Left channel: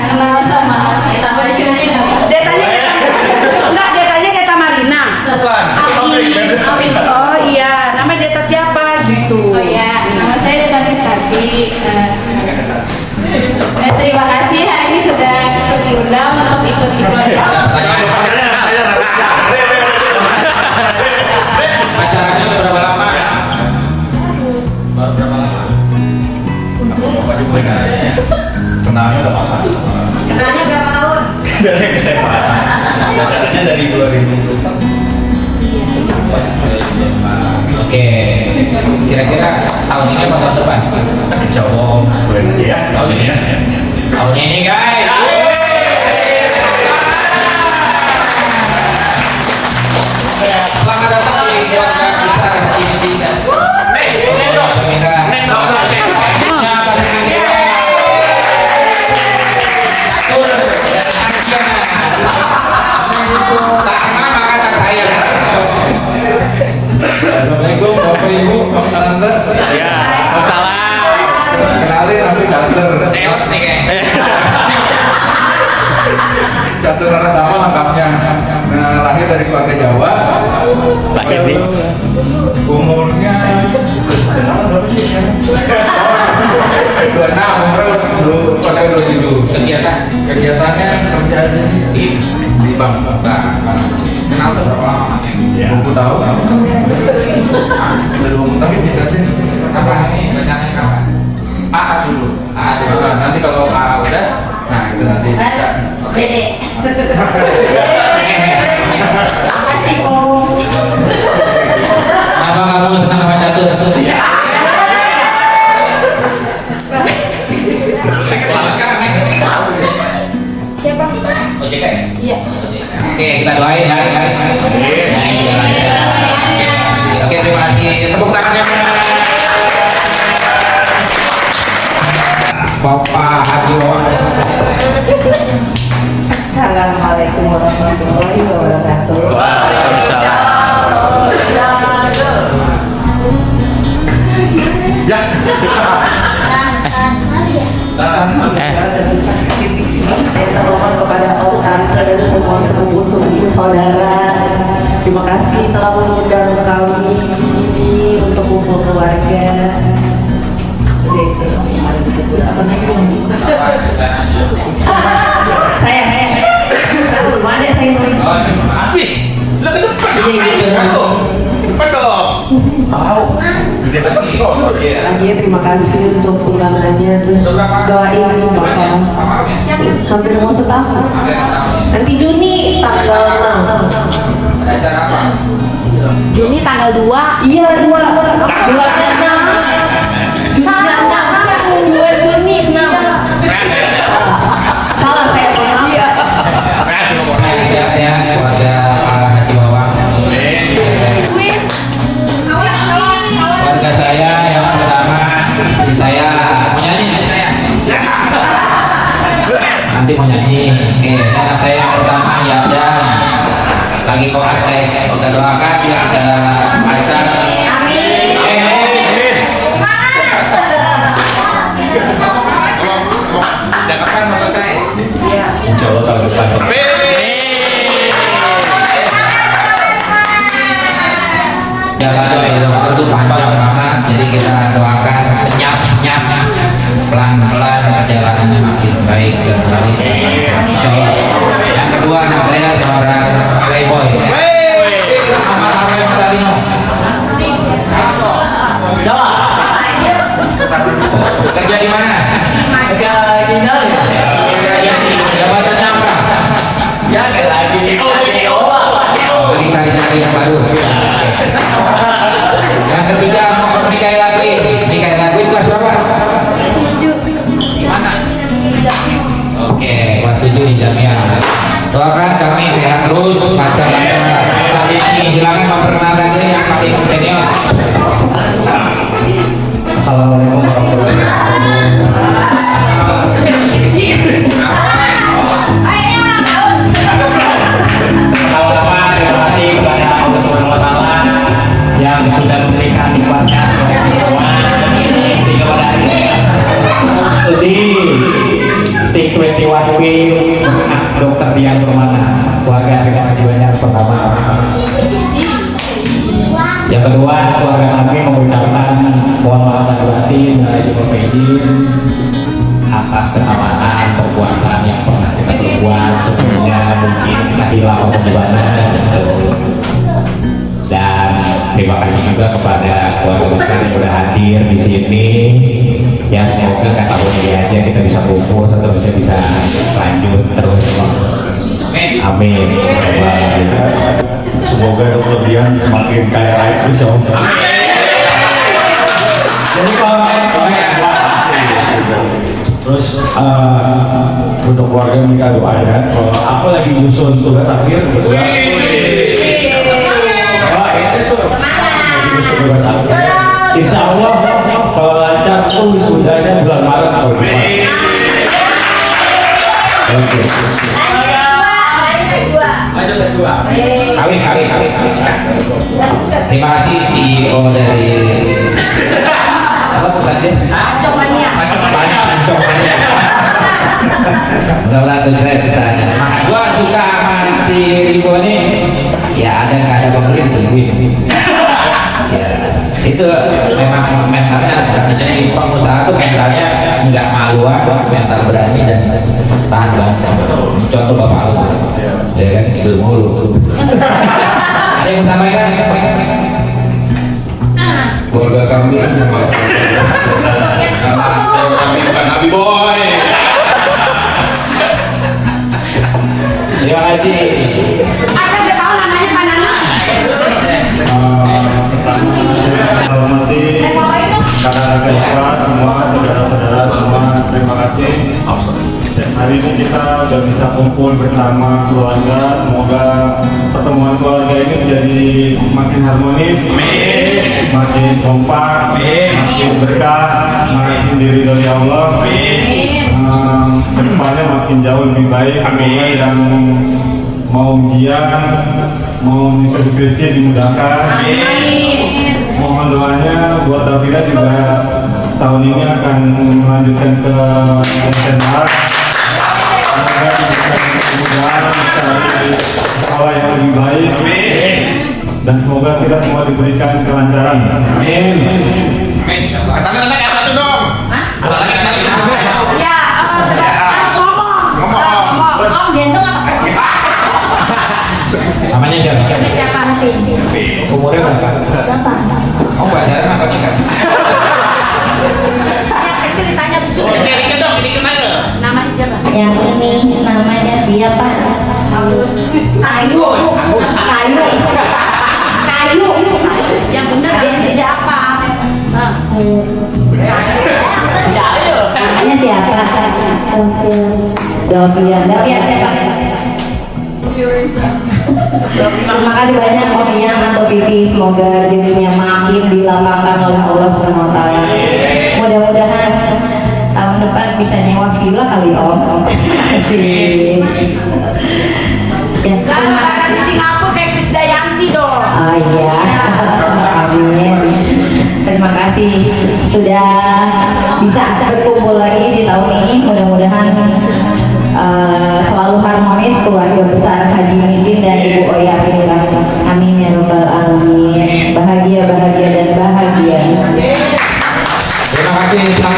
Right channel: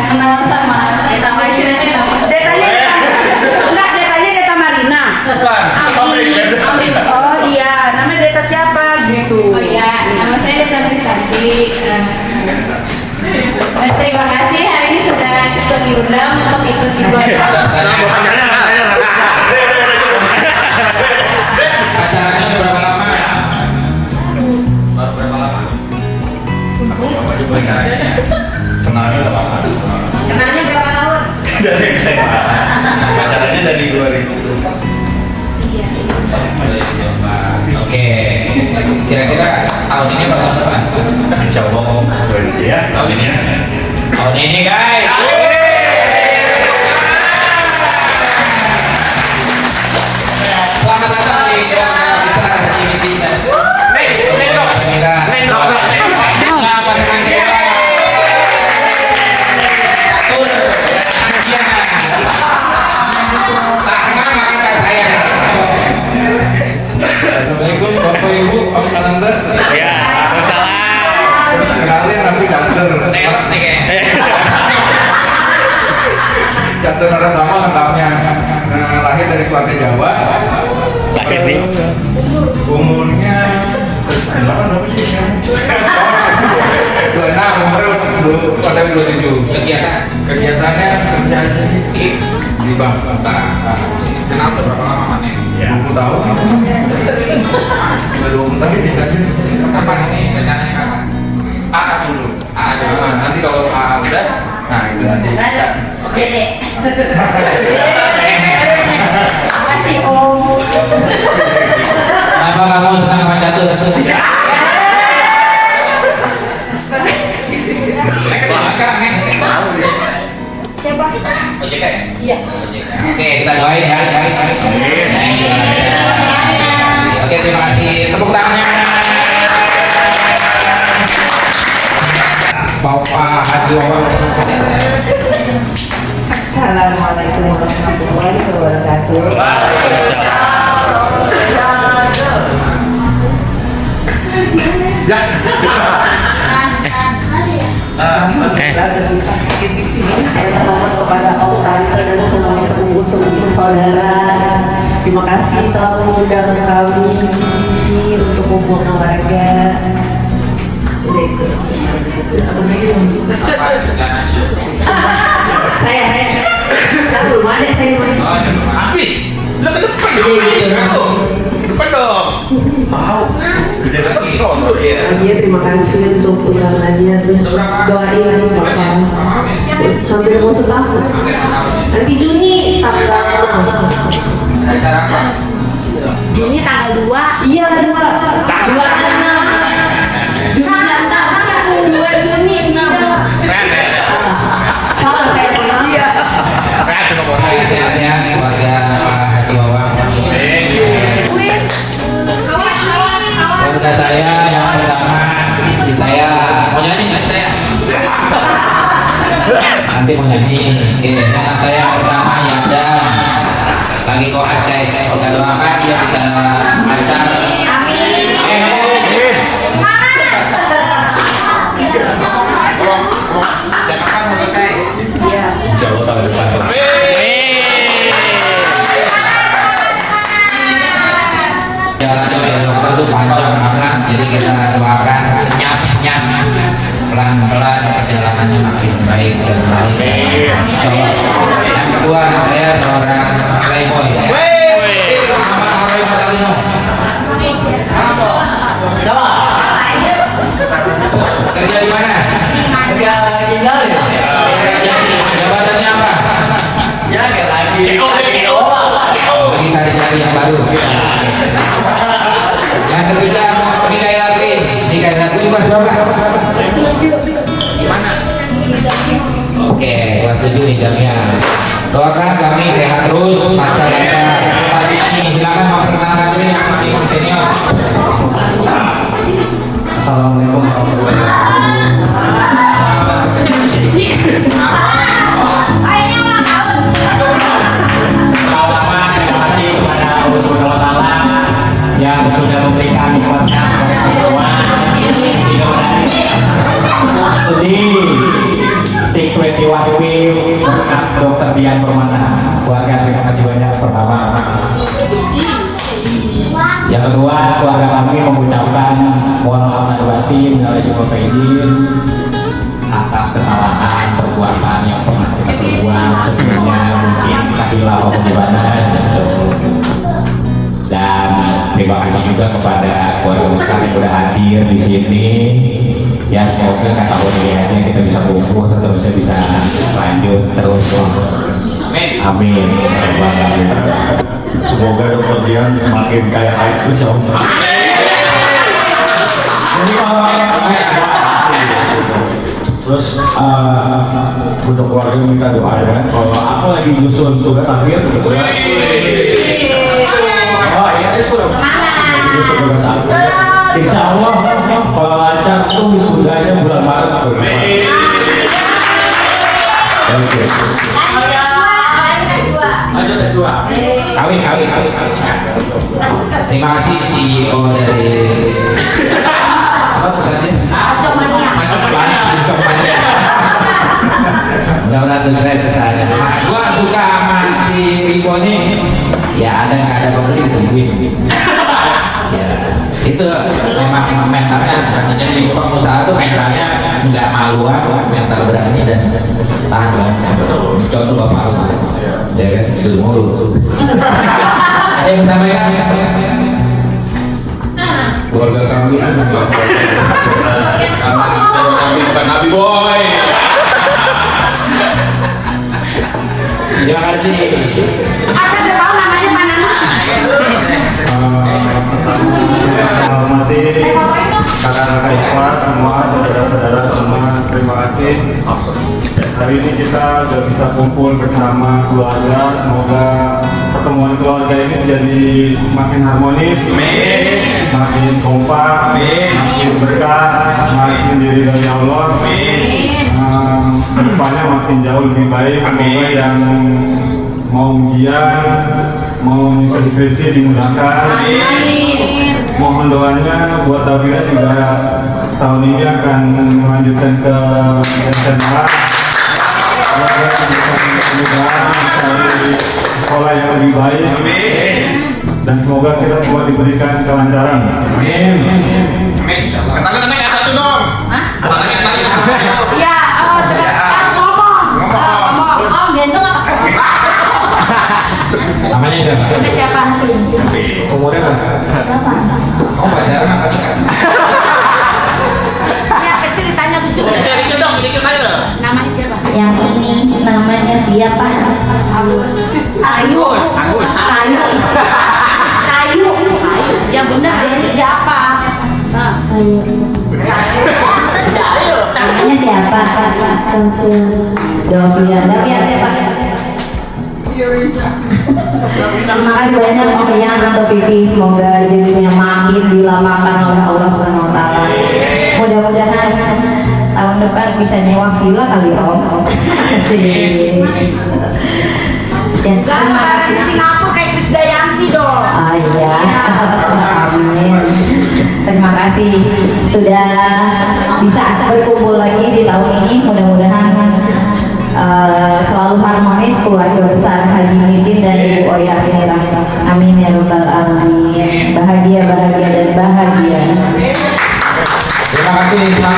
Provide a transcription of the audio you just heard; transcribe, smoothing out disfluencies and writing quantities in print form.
kenal sama tambah cita-cita. Detanya Deta Marina. Bukan, Amin. Oh iya, nama Deta siapa gitu? Oh iya, nama saya Deta Prestasi. Terima kasih hari ini sudah ikut diundang untuk ikut Acaranya berapa lama? baru berapa lama? Bapak juga caranya. Kenalnya udah lama. Kenalnya berapa tahun? Dari SMA. Acaranya dari 2004. Oke, kira-kira tahun ini apa tahun depan? Insya Allah boleh aja ya. Tahun ini. Tahun ini guys. Selamat datang di keluarga besar Indonesia. Apa namanya? Tak kenal maka tak sayang. Assalamualaikum Bapak Ibu, Pak Ananda. Ya, salam. Kenalin nanti kantor. Sales nih kayaknya. Satu nama lengkapnya. Nah, lahir dari keluarga Jawa. Lahir di Umurnya berapa sih? 26, umur pada 27. Kegiatannya kerja di bank. Kenal tuh berapa lama Mas? ya. 20 tahun. Belum tapi dikasih. Kapan ini rencananya kapan? AA dulu. Ah, dulu. Nah, nanti kalau AA udah, nah itu nanti. Oke deh. Makasih Om. Kenapa kamu senang baca tuh? Siapa? OJK ya? Iya. Oke, kita doain ya. Oke, terima kasih. Tepuk tangannya. Bapak Haji. Assalamualaikum warahmatullahi wabarakatuh. Di sini saya memohon kepada Allah dan semua sungguh-sungguh saudara. Terima kasih telah mengundang kami di sini untuk kumpul keluarga. Udah itu, mari dikumpul sama saya. Tahu mana saya Afi, lo ke depan dong. Depan dong. Tahu. Gede banget sono dia. lagi terima kasih untuk undangannya terus doain bapak hampir mau setahun nanti Juni tanggal 6 Ada acara apa? Juni tanggal 2 iya 2 tanggal 6 Juni 2 Juni 6 salah saya iya Sehat-sehatnya keluarga Pak Haji Wawang. Keluarga saya yang pertama, istri saya mau nyanyi istri saya. Nanti mau nyanyi. Oke, anak saya yang pertama ya ada lagi koas guys. Kita doakan dia bisa lancar. Amin. Dan kapan mau selesai? iya Insya Allah tahun depan. Jalannya memang itu panjang banget, jadi kita doakan senyap pelan-pelan perjalanannya makin baik dan baik. So, yang kedua saya seorang playboy. Kerja di mana? kerja tinggal ya Jabatannya apa? ya kayak lagi Lagi cari-cari yang baru. Yang ketiga sama Mikael Lakwin. Mikael Lakwin kelas berapa? Di mana? Oke, kelas 7 di Jamia. Doakan kami sehat terus, lancar ini. Silakan memperkenalkan diri yang paling senior. Assalamualaikum warahmatullahi wabarakatuh. Terima kasih kepada Allah Subhanahu wa Ta'ala kedua, keluarga kami mengucapkan mohon maaf lahir batin dan juga izin atas kesalahan perbuatan yang pernah kita perbuat sebelumnya, mungkin kita hilang atau gimana gitu. Dan terima kasih juga kepada keluarga besar yang sudah hadir di sini. Ya semoga kata ini aja kita bisa kumpul atau bisa lanjut terus. Amin. Semoga kemudian semakin kaya raya terus. Terus untuk keluarga minta doa ya. Kalau aku lagi nyusun tugas akhir gitu ya. Oh ya itu. Tugas akhir. Insya Allah kalau lancar tuh wisudanya bulan Maret. Oke. Aja tes dua. Kawin. Terima kasih CEO dari apa pusatnya? Acomania. Mudah-mudahan sukses saja. Gua suka sama si Rico ini. Ya ada nggak ada pembeli tungguin. Ya itu memang mentalnya jadi pengusaha tuh mentalnya nggak malu, mental berani dan tahan banget. Contoh bapak aku, ya kan itu mulu. Ada yang sampaikan? Keluarga kami kami bukan Nabi Boy. Terima kasih. Asal dia tahu namanya mana? Hormati kakak-kakak ipar semua, saudara-saudara semua, terima kasih. Hari ini kita sudah bisa kumpul bersama keluarga. Semoga pertemuan keluarga ini menjadi makin harmonis, makin kompak, makin berkah, makin diridhoi Allah. Kedepannya makin jauh lebih baik. Semoga yang mau ujian, mau menyusun skripsi dimudahkan. Mohon doanya buat Davina juga tahun ini akan melanjutkan ke SMA. Semoga diberikan kemudahan cari sekolah yang lebih baik. Dan semoga kita semua diberikan kelancaran. Amin. Katakan naik satu dong. Katakan naik. Ya, harus ngomong. Om gendong apa? Namanya siapa? Siapa Hafin? Umurnya berapa? Kamu pacaran apa nikah? Yang kecil ditanya lucu. Dikit dong, dikit aja. Namanya siapa? Yang ini namanya siapa? Ayu. Yang benar dia siapa? Namanya siapa? Dovian siapa? Terima kasih banyak Om Yang atau Vivi, semoga jodohnya makin dilapangkan oleh Allah Subhanahu wa taala. Mudah-mudahan tahun depan bisa nyewa villa kali ya Om. Ya, Lah, di Singapura kayak Krisdayanti dong. oh iya, amin. Terima kasih sudah bisa berkumpul lagi di tahun ini. Mudah-mudahan selalu harmonis keluarga besar Haji Misin dan Ibu Oya Sinira. Amin ya rabbal alamin. Bahagia dan bahagia. Terima kasih.